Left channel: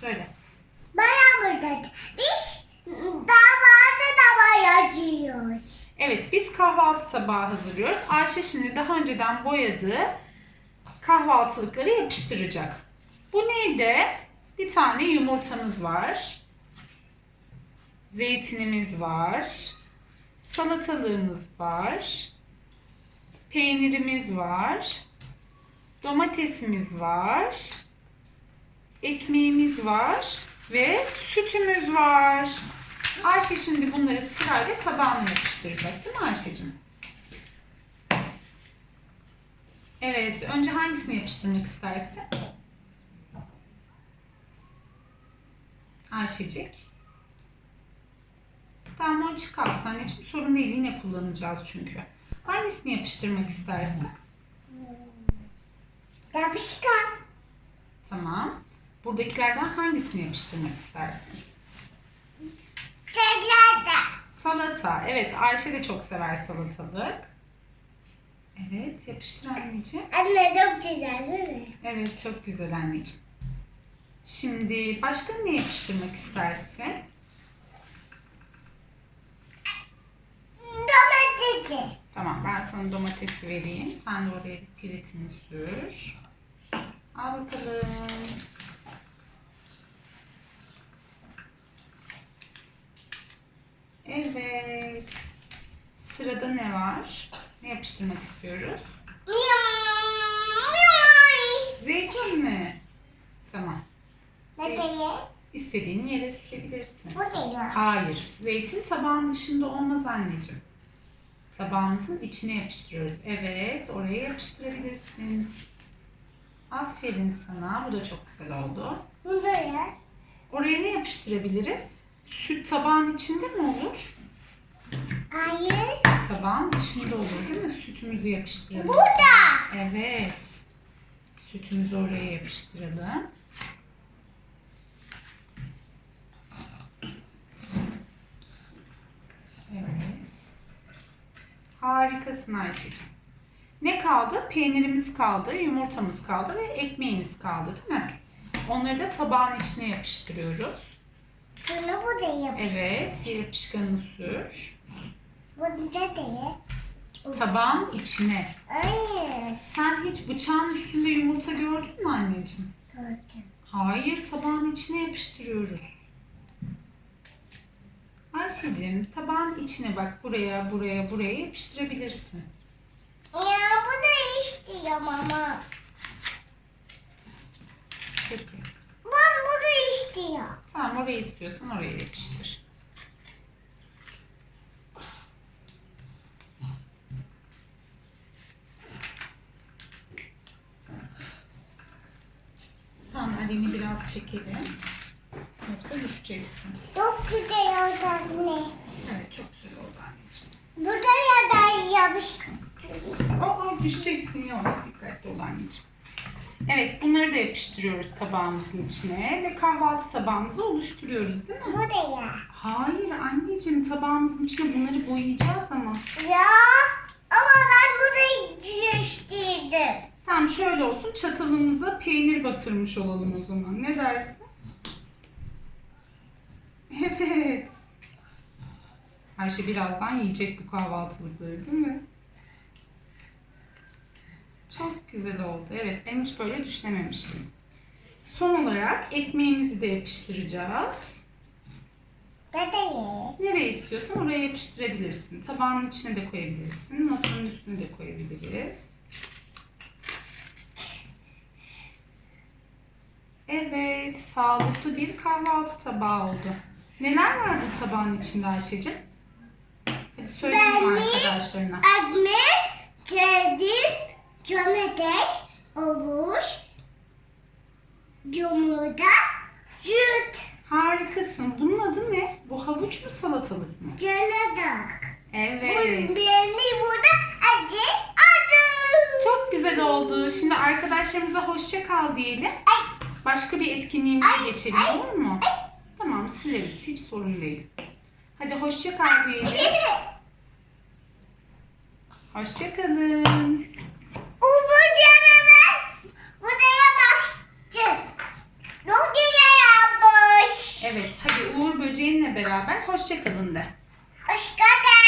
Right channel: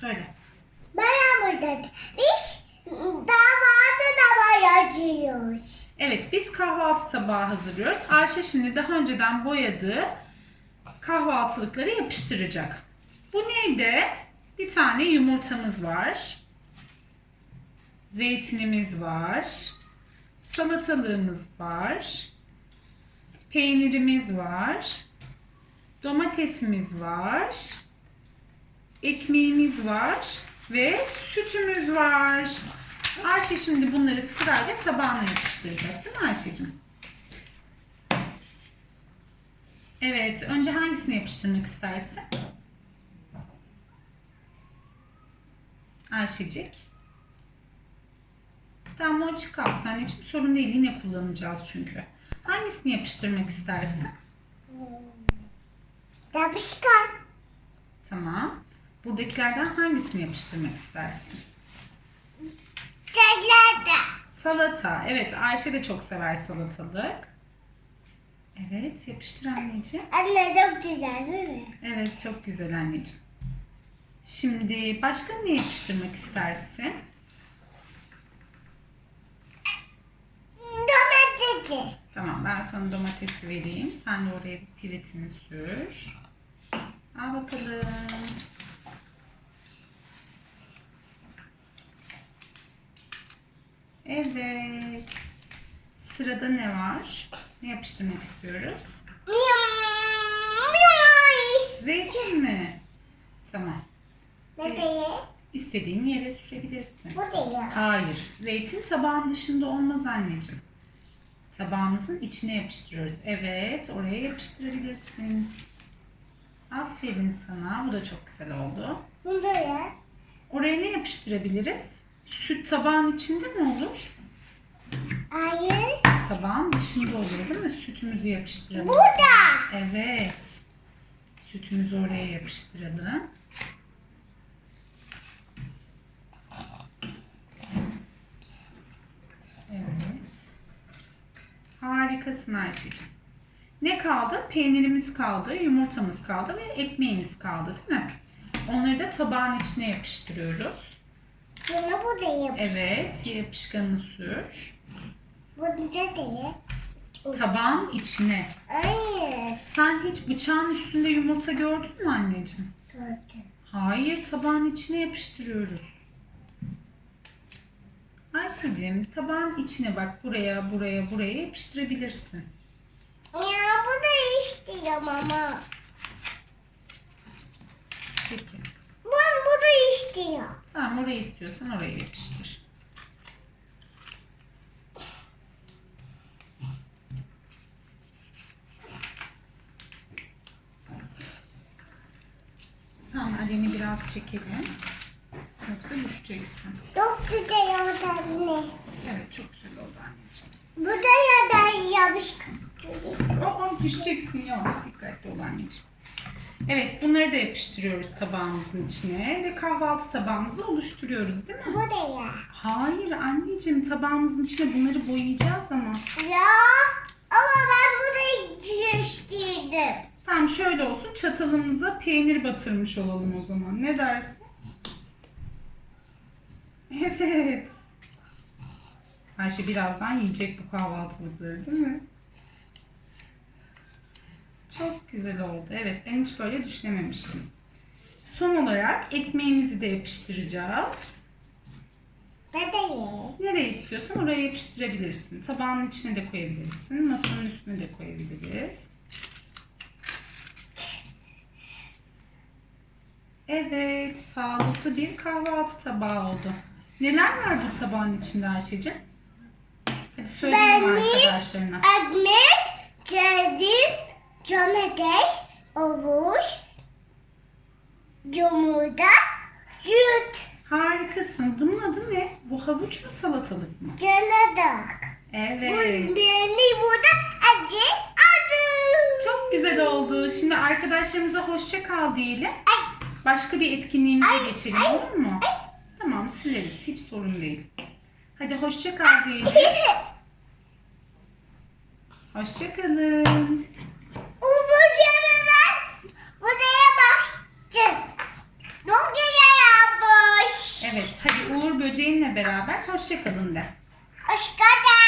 Söyle. Bana burada. Biz davada da yazıyoruz. Evet biz kahvaltı tabağı hazırlıyoruz. Ayşe şimdi daha önceden boyadığı kahvaltılıkları yapıştıracak. Bu neydi? Bir tane yumurtamız var. Zeytinimiz var. Salatalığımız var. Peynirimiz var. Domatesimiz var. Ekmeğimiz var ve sütümüz var. Ayşe şimdi bunları sırayla tabağına yapıştıracak değil mi Ayşe'cim? Evet, önce hangisini yapıştırmak istersin? Ayşecik. Tamam o açık kalsın anneciğim. Sorun değil yine kullanacağız çünkü. Hangisini yapıştırmak istersin? Yapışkan. Buradakilerden hangisini yapıştırmak istersin? Şeylerde. Salata. Evet Ayşe de çok sever salatalık. Evet yapıştır anneciğim. Anne çok güzel değil mi? Evet çok güzel anneciğim. Şimdi başka ne yapıştırmak istersin? Domatesi. Tamam ben sana domatesi vereyim. Sen de oraya bir piritini sür. Sırada ne var? Ne yapıştırmak istiyoruz? Zeytin mi? Tamam. Nereye? İstediğin yere sürebilirsin. Bu değil. Hayır. Zeytin tabağın dışında olmaz anneciğim. Tabağımızın içine yapıştırıyoruz. Evet, oraya yapıştırabilirsin. Aferin sana. Bu da çok güzel oldu. Nereye? Oraya ne yapıştırabiliriz? Süt tabağın içinde mi olur? Hayır. Tabağın dışında olur değil mi? Sütümüzü yapıştıralım. Burada. Evet. Sütümüzü oraya yapıştıralım. Evet. Harikasın Ayşe'ciğim. Ne kaldı? Peynirimiz kaldı, yumurtamız kaldı ve ekmeğimiz kaldı değil mi? Onları da tabağın içine yapıştırıyoruz. Bunu bu değil. Evet, yapışkanını sür. Bu da değil. Tabağın içine. Hayır. Sen hiç bıçağın üstünde yumurta gördün mü anneciğim? Gördüm. Hayır, tabağın içine yapıştırıyoruz. Ayşe'cim, tabağın içine bak buraya, buraya, buraya yapıştırabilirsin. Ya bu da istiyorum ama. Peki. Ben bu da istiyorum. Tamam, orayı istiyorsan oraya yapıştır. Sandalyeni biraz çekelim. Yoksa düşeceksin. Çok güzel oldu anne. Evet, çok güzel oldu anneciğim. Bu da ya da yapışkan. Aa, düşeceksin yavaş dikkatli ol anneciğim. Evet bunları da yapıştırıyoruz tabağımızın içine ve kahvaltı tabağımızı oluşturuyoruz değil mi? Bu da ya. Hayır anneciğim tabağımızın içine bunları boyayacağız ama. Ya ama ben bu da Tamam şöyle olsun çatalımıza peynir batırmış olalım o zaman. Ne dersin? Evet. Ayşe birazdan yiyecek bu kahvaltılıkları değil mi? Çok güzel oldu. Evet ben hiç böyle düşünememiştim. Son olarak ekmeğimizi de yapıştıracağız. Bu da ye. Nereye istiyorsan oraya yapıştırabilirsin. Tabağın içine de koyabilirsin. Masanın üstüne de koyabiliriz. Evet, sağlıklı bir kahvaltı tabağı oldu. Neler var bu tabağın içinde Ayşe'cim? Hadi söyleyelim Benim- arkadaşlarına. Ekmek, zeytin, domates, avuç, yumurta, süt, Harikasın. Bunun adı ne? Bu havuç mu salatalık mı? canadak. Bu Evet. beni burada acı adı. Çok güzel oldu. Şimdi arkadaşlarımıza hoşça kal diyelim. Ay. Başka bir etkinliğimize geçelim olur mu? Tamam sileriz. Hiç sorun değil. Hadi hoşça kal diyelim. Hoşça kalın. Evet hadi Uğur böceğinle beraber hoşça kalın de. Hoş geldin.